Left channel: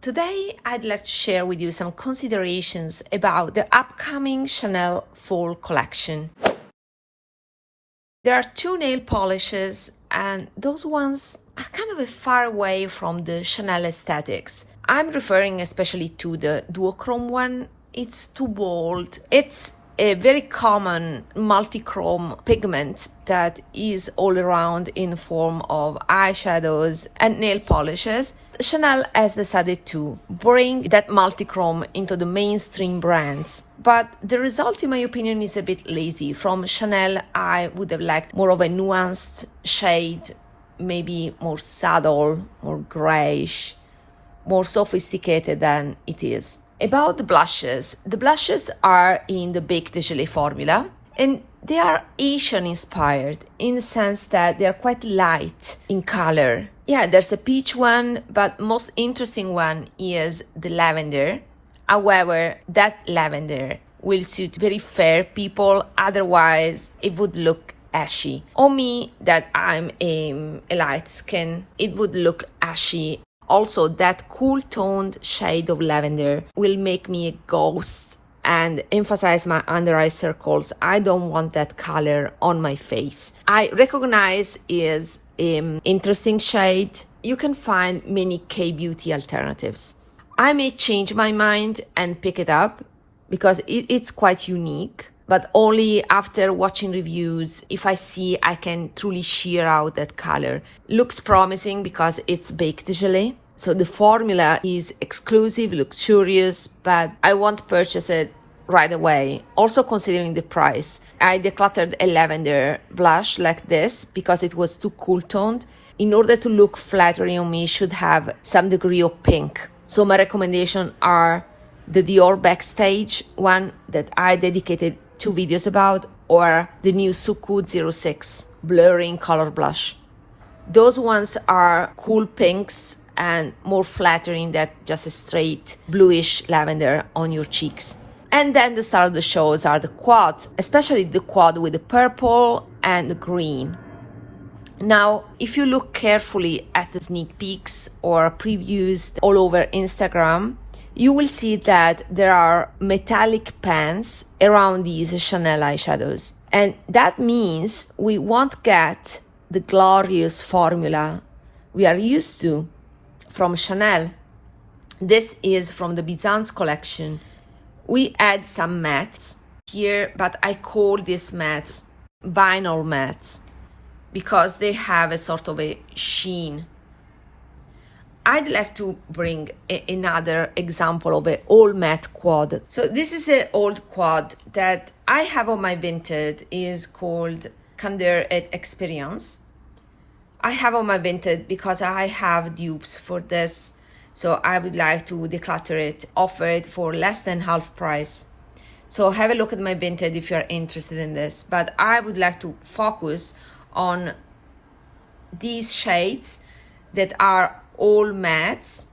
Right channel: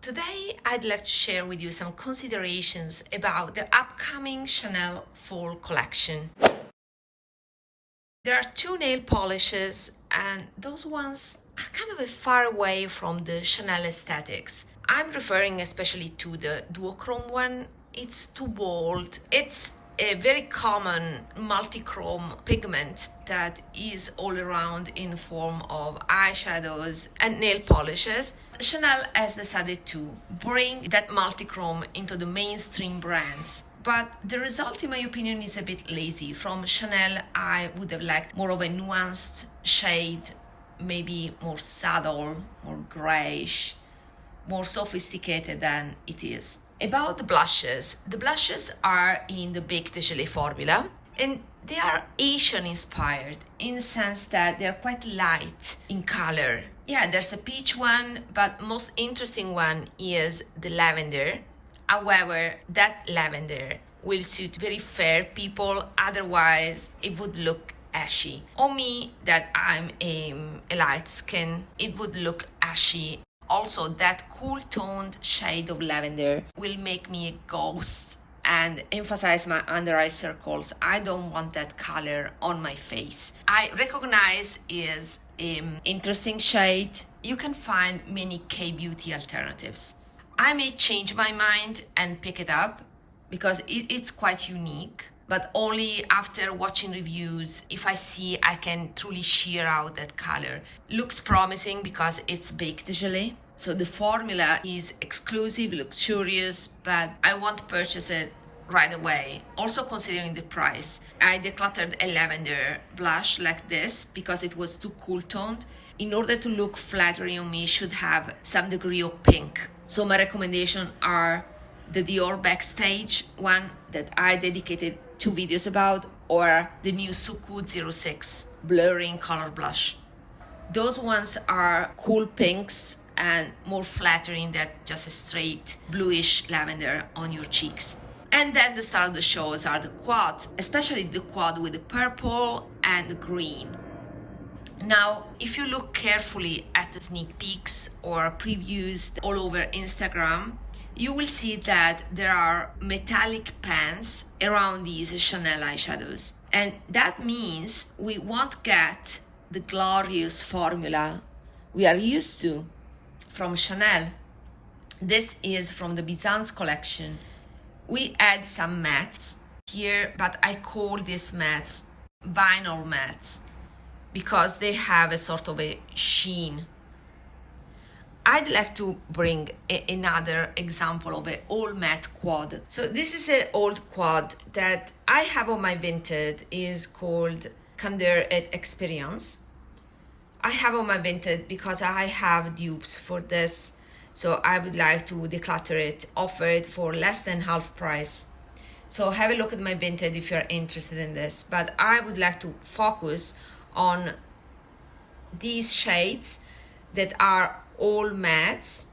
Today, I'd like to share with you some considerations about the upcoming Chanel fall collection. There are two nail polishes, and those ones are kind of far away from the Chanel aesthetics. I'm referring especially to the duochrome one. It's too bold. It's a very common multi-chrome pigment that is all around in form of eyeshadows and nail polishes. Chanel has decided to bring that multi-chrome into the mainstream brands. But the result, in my opinion, is a bit lazy. From Chanel, I would have liked more of a nuanced shade, maybe more subtle, more grayish, more sophisticated than it is. About the blushes are in the Baked Gelée formula, and they are Asian inspired in the sense that they are quite light in color. Yeah, there's a peach one, but most interesting one is the lavender. However, that lavender will suit very fair people, otherwise it would look ashy. On me, that I'm a light skin, it would look ashy. Also, that cool toned shade of lavender will make me a ghost and emphasize my under eye circles. I don't want that color on my face. I recognize is an interesting shade. You can find many K-beauty alternatives. I may change my mind and pick it up because it's quite unique, but only after watching reviews. If I see I can truly sheer out that color. Looks promising because it's Baked Gelée. So the formula is exclusive, luxurious, but I won't purchase it right away. Also considering the price. I decluttered a lavender blush like this because it was too cool toned. In order to look flattering on me, it should have some degree of pink. So my recommendations are the Dior Backstage one that I dedicated 2 videos about, or the new Suqqu EX blurring color blush. Those ones are cool pinks and more flattering than just a straight bluish lavender on your cheeks. And then the star of the shows are the quads, especially the quad with the purple and the green. Now, if you look carefully at the sneak peeks or previews all over Instagram, you will see that there are metallic pans around these Chanel eyeshadows. And that means we won't get the glorious formula we are used to from Chanel. This is from the Byzance collection. We add some mattes here, but I call these mattes vinyl mattes because they have a sort of a sheen. I'd like to bring another example of an all matte quad. So this is an old quad that I have on my Vinted, is called Candeur et Experience. I have on my Vinted because I have dupes for this, so I would like to declutter it, offer it for less than half price. So have a look at my Vinted if you're interested in this, but I would like to focus on these shades that are all mattes,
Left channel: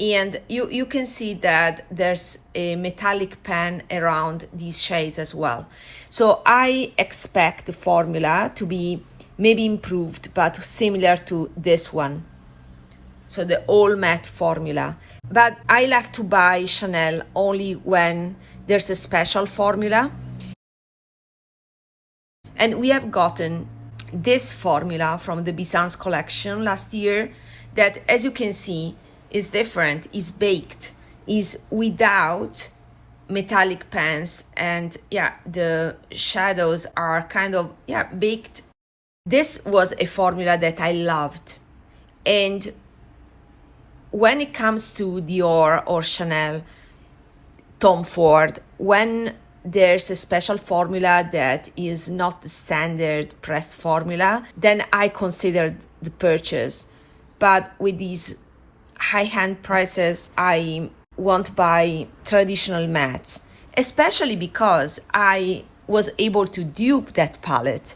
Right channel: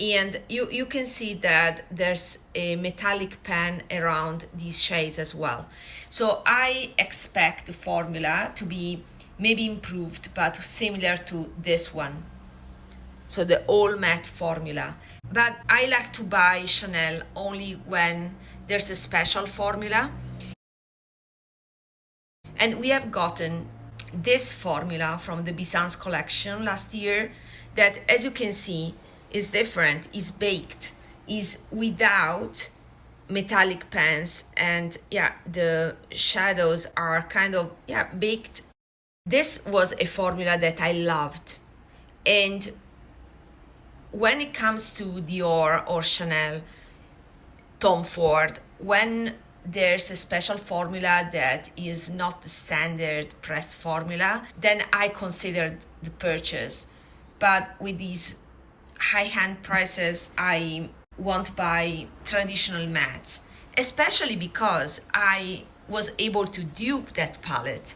and you can see that there's a metallic pan around these shades as well. So I expect the formula to be maybe improved, but similar to this one. So the all matte formula. But I like to buy Chanel only when there's a special formula. And we have gotten this formula from the Byzance collection last year that, as you can see, is different, is baked, is without metallic pans, and yeah, the shadows are kind of baked. This was a formula that I loved. And when it comes to Dior or Chanel, Tom Ford, when there's a special formula that is not the standard pressed formula, then I considered the purchase. But with these high-end prices, I won't buy traditional mattes, especially because I was able to dupe that palette.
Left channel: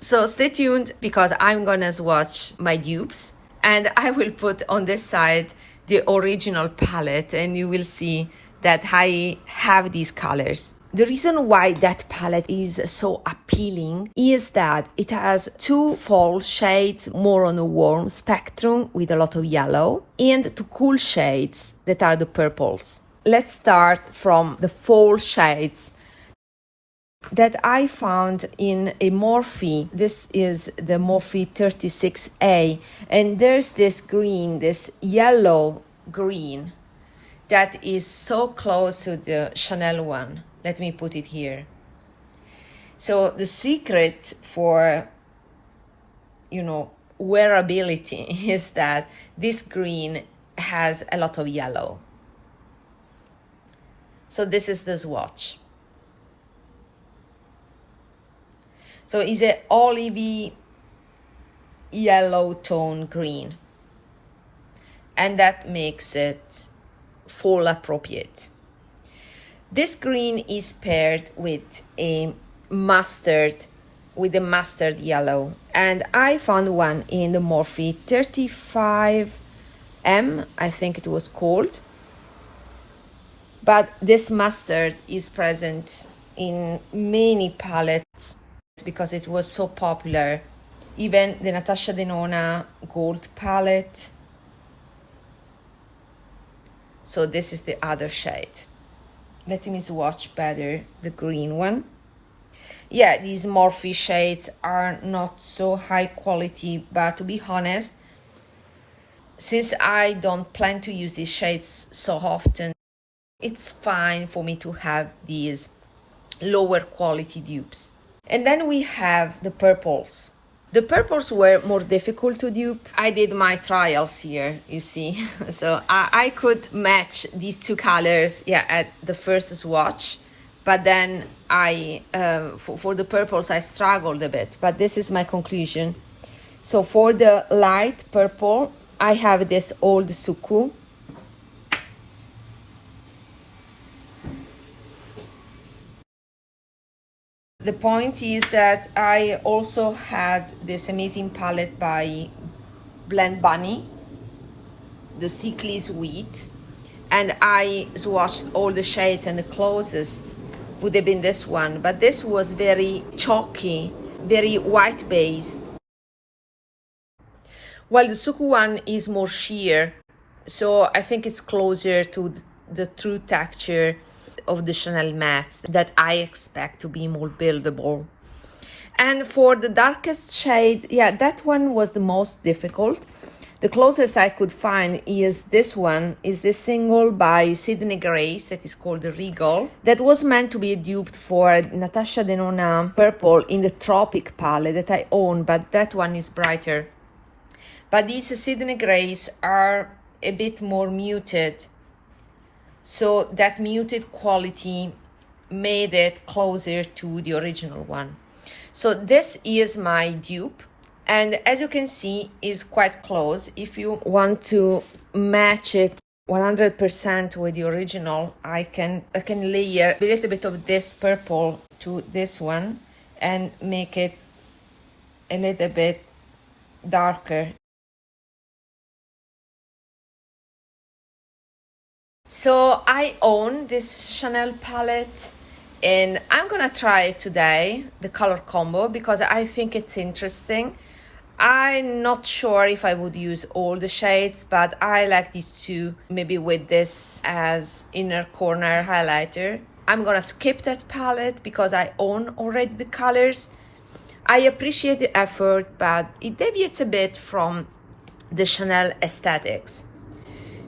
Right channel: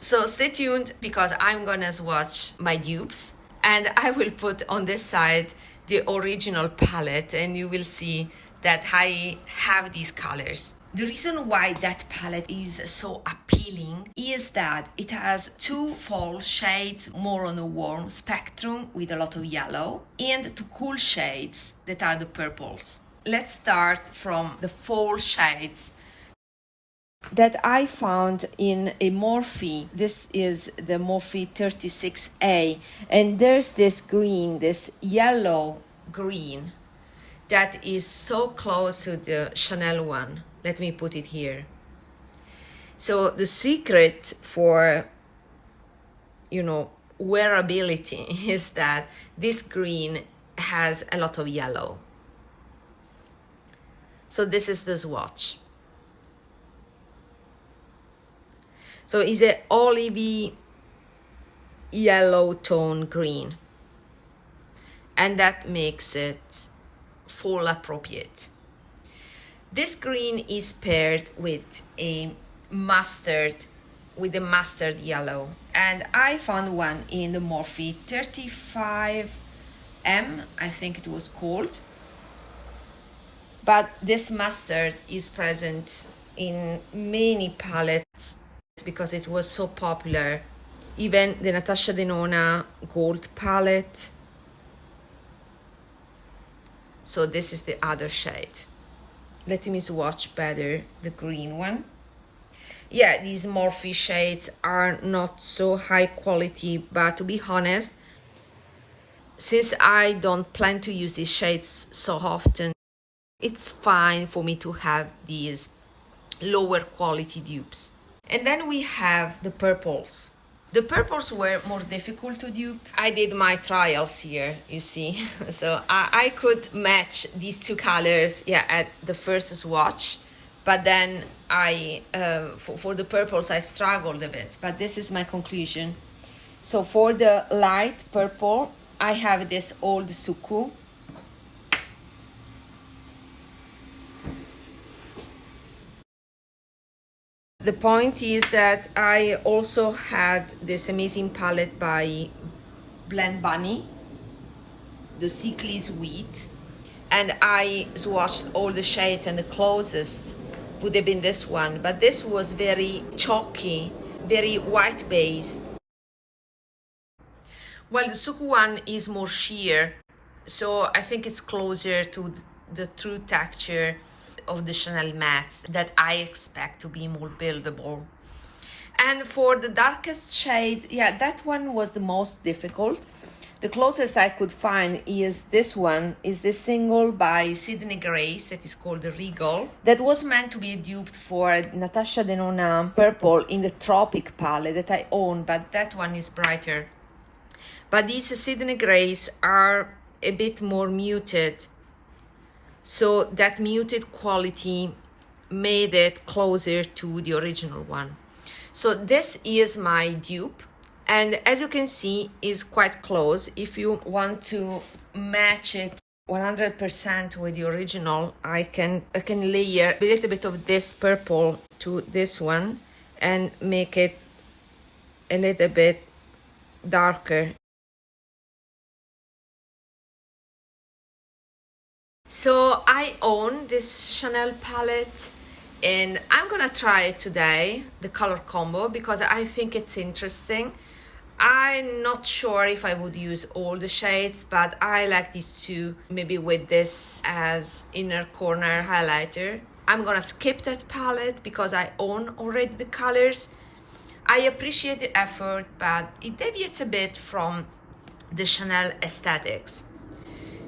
So stay tuned because I'm gonna swatch my dupes, and I will put on this side the original palette, and you will see that I have these colors. The reason why that palette is so appealing is that it has two fall shades more on a warm spectrum with a lot of yellow, and two cool shades that are the purples. Let's start from the fall shades that I found in a Morphe. This is the Morphe 36A, and there's this green, this yellow green that is so close to the Chanel one. Let me put it here. So the secret for, wearability is that this green has a lot of yellow. So this is the swatch. So it's an olivey yellow tone green, and that makes it fall appropriate. This green is paired with a mustard yellow, and I found one in the Morphe 35M, I think it was called. But this mustard is present in many palettes because it was so popular. Even the Natasha Denona gold palette. So this is the other shade. Let me swatch better the green one. Yeah, these Morphe shades are not so high quality, but to be honest, since I don't plan to use these shades so often, it's fine for me to have these lower quality dupes. And then we have the purples. The purples were more difficult to dupe. I did my trials here, you see. So I could match these two colors, at the first swatch. But then for the purples, I struggled a bit. But this is my conclusion. So for the light purple, I have this old Suqqu. The point is that I also had this amazing palette by Blend Bunny, the Sickly Sweet, and I swatched all the shades, and the closest would have been this one, but this was very chalky, very white based, while the Suqqu one is more sheer, so I think it's closer to the true texture of the Chanel mattes that I expect to be more buildable. And for the darkest shade, that one was the most difficult. The closest I could find is this one, is this single by Sydney Grace that is called the Regal. That was meant to be duped for Natasha Denona purple in the Tropic palette that I own, but that one is brighter. But these Sydney Grace are a bit more muted. So that muted quality made it closer to the original one. So this is my dupe, and as you can see, is quite close. If you want to match it 100% with the original, I can layer a little bit of this purple to this one and make it a little bit darker. So I own this Chanel palette, and I'm gonna try it today, the color combo, because I think it's interesting. I'm not sure if I would use all the shades, but I like these two, maybe with this as inner corner highlighter. I'm gonna skip that palette because I own already the colors. I appreciate the effort, but it deviates a bit from the Chanel aesthetics.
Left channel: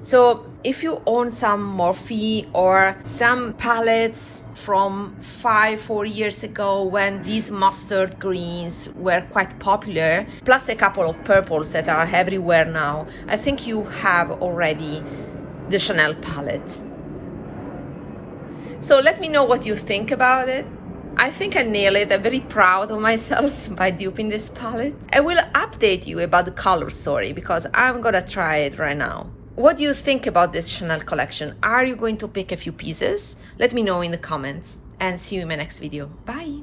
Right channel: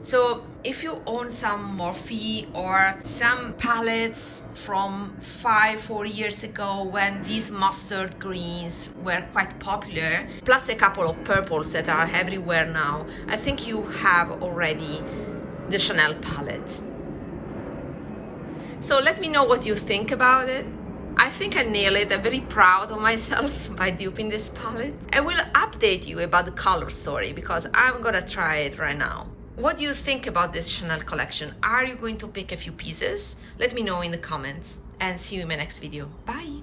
So if you own some Morphe or some palettes from 4 years ago when these mustard greens were quite popular, plus a couple of purples that are everywhere now, I think you have already the Chanel palette. So let me know what you think about it. I think I nailed it. I'm very proud of myself by duping this palette. I will update you about the color story because I'm gonna try it right now. What do you think about this Chanel collection? Are you going to pick a few pieces? Let me know in the comments, and see you in my next video. Bye!